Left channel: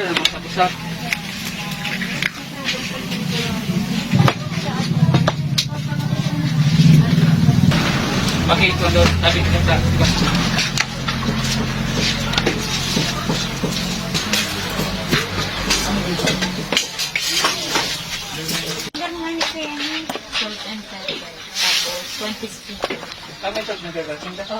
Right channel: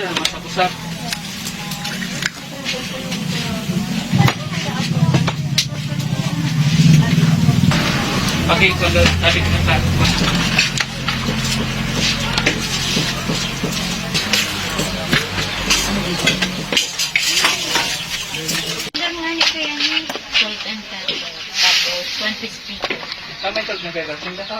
Masak-masak. Okay, kundo sabi ko ng plato ba? Salt and pepper. Tapos 20 stick. Tama ito na pepper. Sunda ka.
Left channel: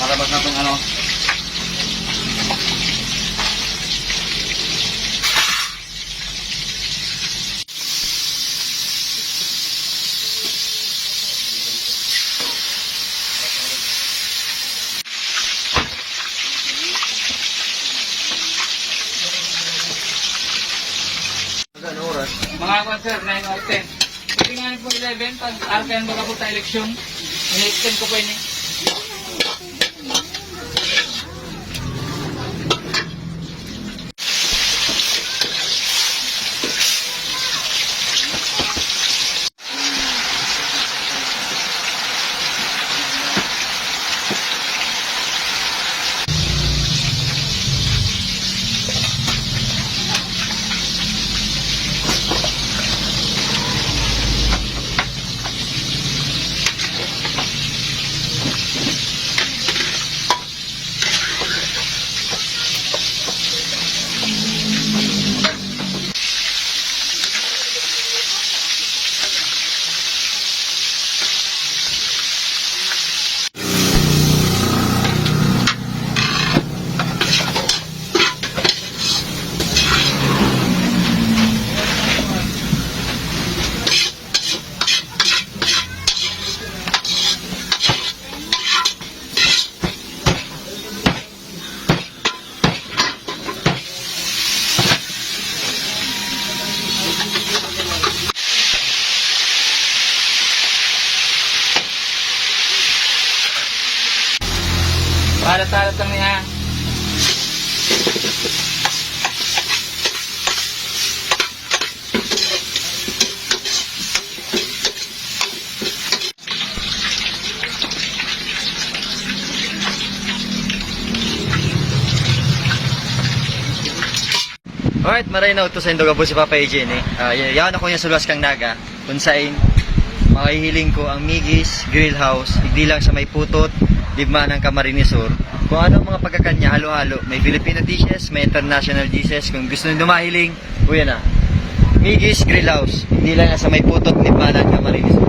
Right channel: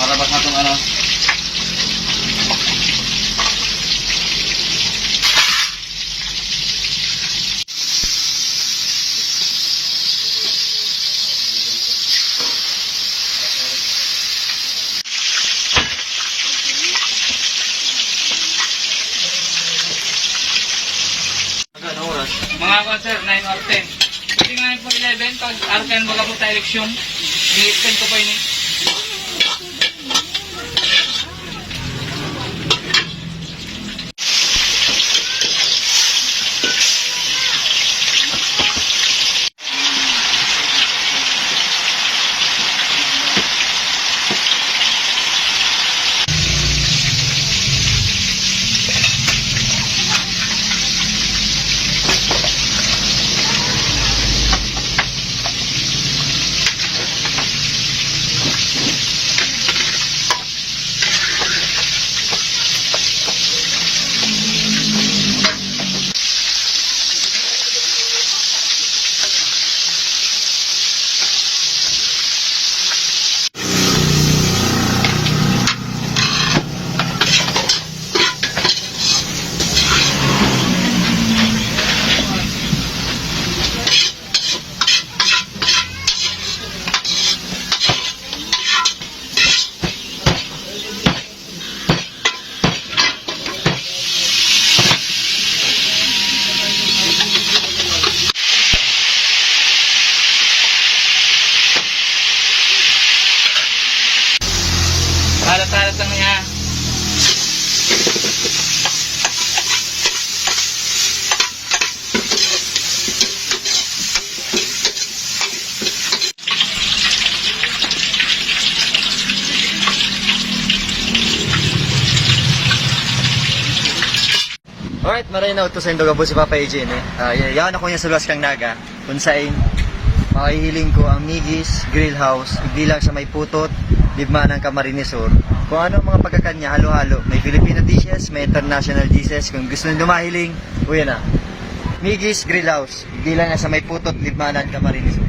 Para bak na kung ano. Magkano oras? Mga sir, 9 or 10. Tingnan po 11, pag arkan baga po sa eleksyon, ini-extend ko po ini. Salat-salat lang niya. Alright, maray na utos sa Indoga po si Papa AJ. Yawan ako niya sa luwas kang naga. Kung saan makihiling ko ang Migis Grill House. Hindi lang sa may putot, Libma ng Camarinesor. Kung ano ang mga pagkakanya, halo-halo. May Filipino dishes, may international dishes. Kung gusto nyo dumahiling, uyan na. Migis Grill House. Hindi lang sa may putot, Libma ng Camarinesor.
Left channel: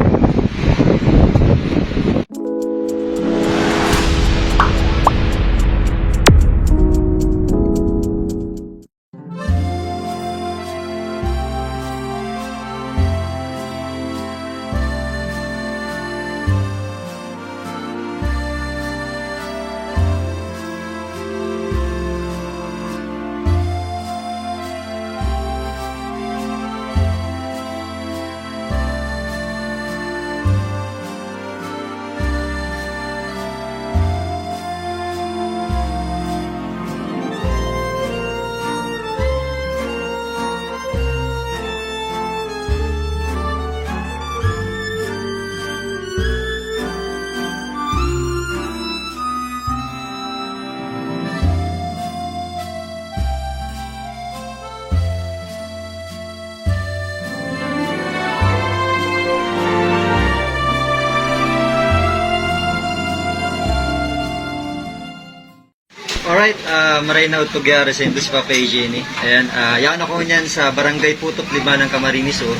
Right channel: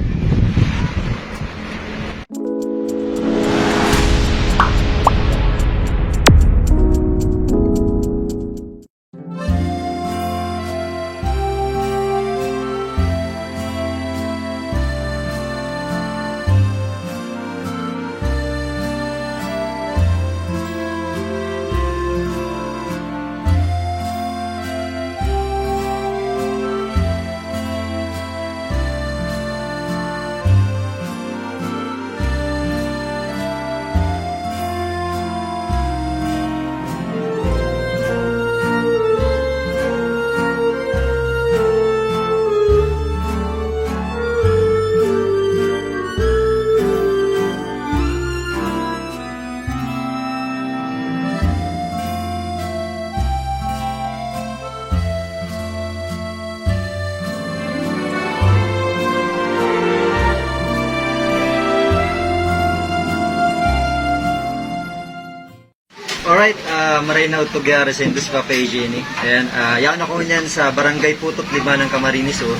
Alright, maray na ito gyari sa Indus Papa Eugenie. Ayan, yan ako niyan sa Barangay Putot, Libanang, Camarines Sur.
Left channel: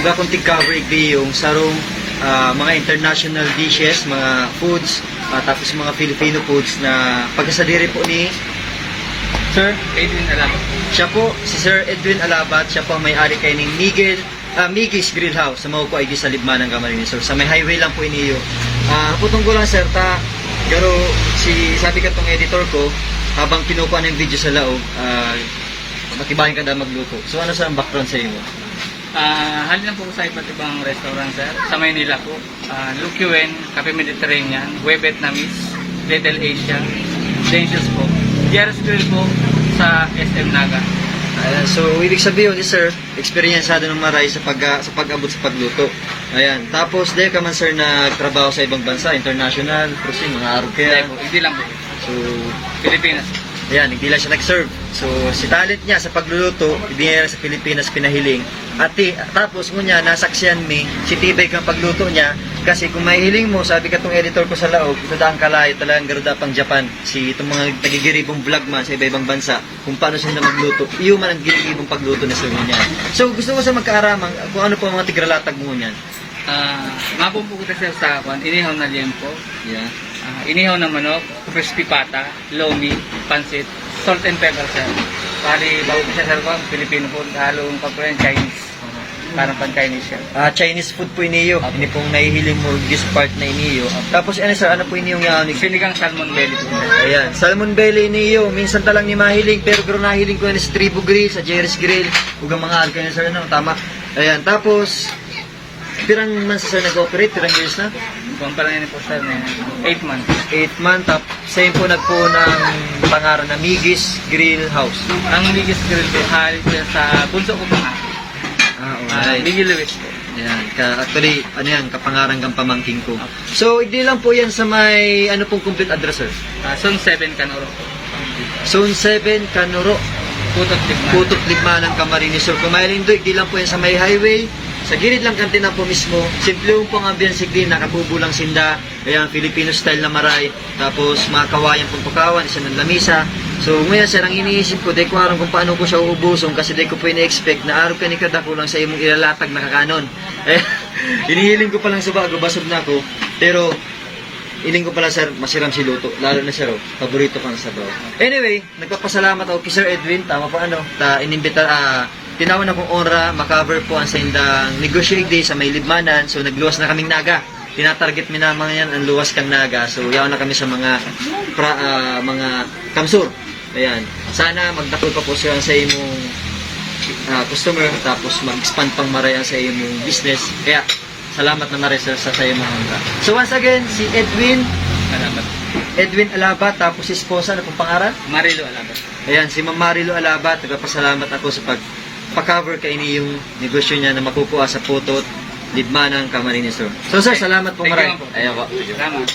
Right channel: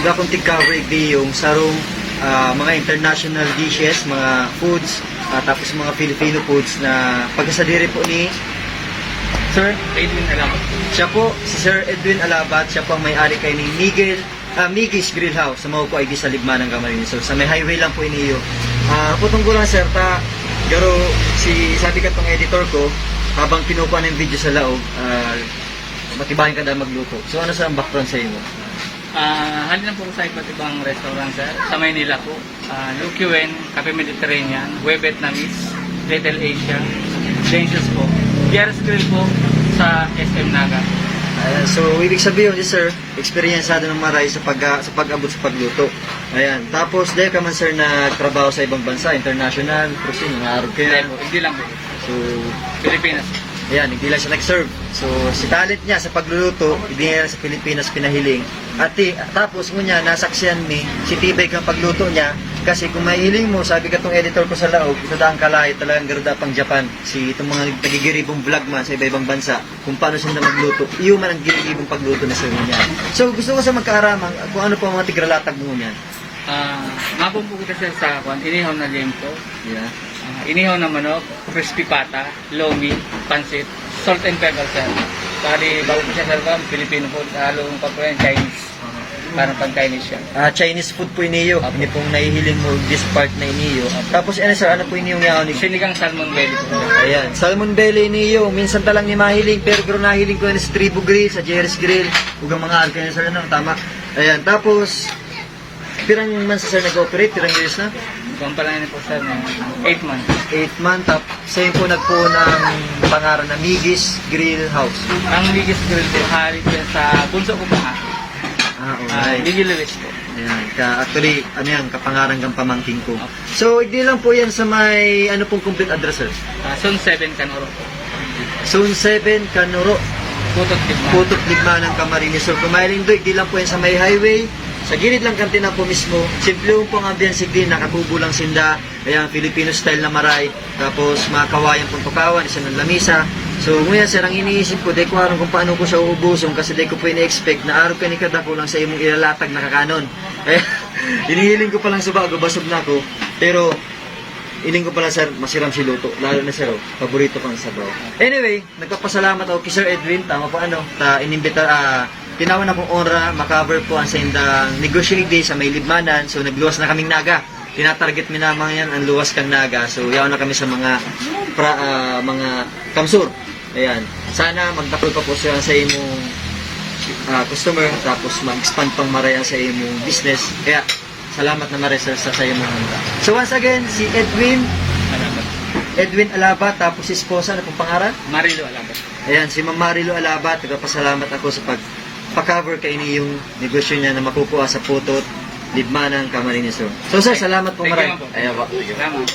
Uga kong tig-cover yung sarong mga international dishes, mga foods, tapos mga Filipino foods na pagkasadiri po ni Sir Edwin Alabat. Siya po, si Sir Edwin Alabat, siya po ang may-ari kay ng Migis Grill House sa Maupo ID sa Libmanang, Camarines Sur. Sa may highway lang po iniyo. Putong ko lang, sir, garo sabi ka tong editor ko, habang kinukuha ng video sa laog, matibayan ka na magluto. So ano sa background sa iyo? Halin lang po sa iba't ibang restaurant, sir. Sa Maynila po, Lukiwen, Cafe Mediterranean, Web Vietnamese, Little Asia, Dangerous po. Dieras Grill po sa SM Naga. So ibig sabihin, sir, experienceado ng maray sa pag-abot sa pagluto. Ayan. Tapos dahil ka man, sir, nagtrabaho sa ibang bansa, international, cruising, mga araw kaya. Hindi lang po. So, Pilipinas. ayan, hindi lang siya nag-serve. So, si talent niya sa pagluluto, hindi niya sa Pilipinas pinahiling. At tapos ngunya, nasaksiyan mi, si tibay kang pagluto niya. Kasi kung mahihiling mo, sabi ka tong editor ko sa laog, ito daang kalay, talagang garuda pang Japan. Si itong mga tagigiribong vlog man sa iba-ibang bansa, kung paano sila magluto, iyo man ang giribong pagluto na sa niya. So, gusto ko sa magkaaramang, kung ano po ang mga tigralatag mo niyan. Mapumpo kita, sir, sa inihaw na liempo, Yeah. inihaw na manok, crispy pata, lomi, pansit, salt and pepper, sir. Bali, bago siya, sir, Filipino food, halong kapag Chinese. Parang pang Chinese siya. Chinese food po iniyo. Hindi pong nahihiling mo this part na iniyo. Tapos ano, sir, ano po iniyo nga? Sinigang salmon belly po. Ayan, salmon belly iniyo. Minsan talang ni mahiling, pero nahiling ko yan sa Tribu Grill, sa Jerry's Grill. Huwag mga arko yan, sir, no? Tama. Ayan, tapos, pirang man sa sir nag-operate, pirang years na? Kung pala yun po, sir, 8 months. 8 months. Tapos, sa'yo po nagpo ng pangaran na Migis Grill House. Ang biggest grill po, hali po yan sa bunso ko po nga. Okay. Miguel Lewis po. Ayan, actually, ano yan, kapangarang kang pamangking ko. So, hindi lang po yan sa may, ano pong complete address, sir? Zone 7 Canoro po. Zone 7, Canoro, Putot Tigman. Putot, Ligmanan, Camarines Sur. Kung mahiling doon, hindi lang po yan sa may highway. Sa gilid lang kantina po mismo. Simple po ang ambience din, nakatubo lang sinda. Ayan, Filipino style na maray. Tapos mga kawayan pong tukawan, isa ng lamisa. So ngayon, sir, ang iniisip ko, dahil ko aram kung paano ko siya uubusong kasi dahil ko po ini-expect na araw ka ni kada ko lang sa imong ilalatag na kakanon. Eh, inihiling ko pa lang sa bago, basog na ako. Pero, iling ko pala, sir, masiram si luto. Lalo na, sir, paborito ko na sabaw. Anyway, nagpapasalamat ako kay Sir Edwin. Tama po, tinawan akong ora, makaver po ang sa indang negotiating day sa may Libmanan. So, nagluwas na kaming naga. Tinatarget mi naman yan ang luwas kang naga. So, yaw na kami sa mga kamsur. Ayan. Sana magdakol pa po siya sa imong customer, tapos mag-expand pang marayan sa imong business. Kaya, salamat na maray sa imong handa. So, once again, si Edwin Alabat, tapos si esposa na pong pangalan? Marilo Alabat. Ayan, si Ma'am Marilo Alabat, nagpapasalamat ako sa pag-cover kay ini yung negosyo niya na makukuha sa Putot, Lidmanang, Camarines Sur. So, sir, salamat po maray. Salamat.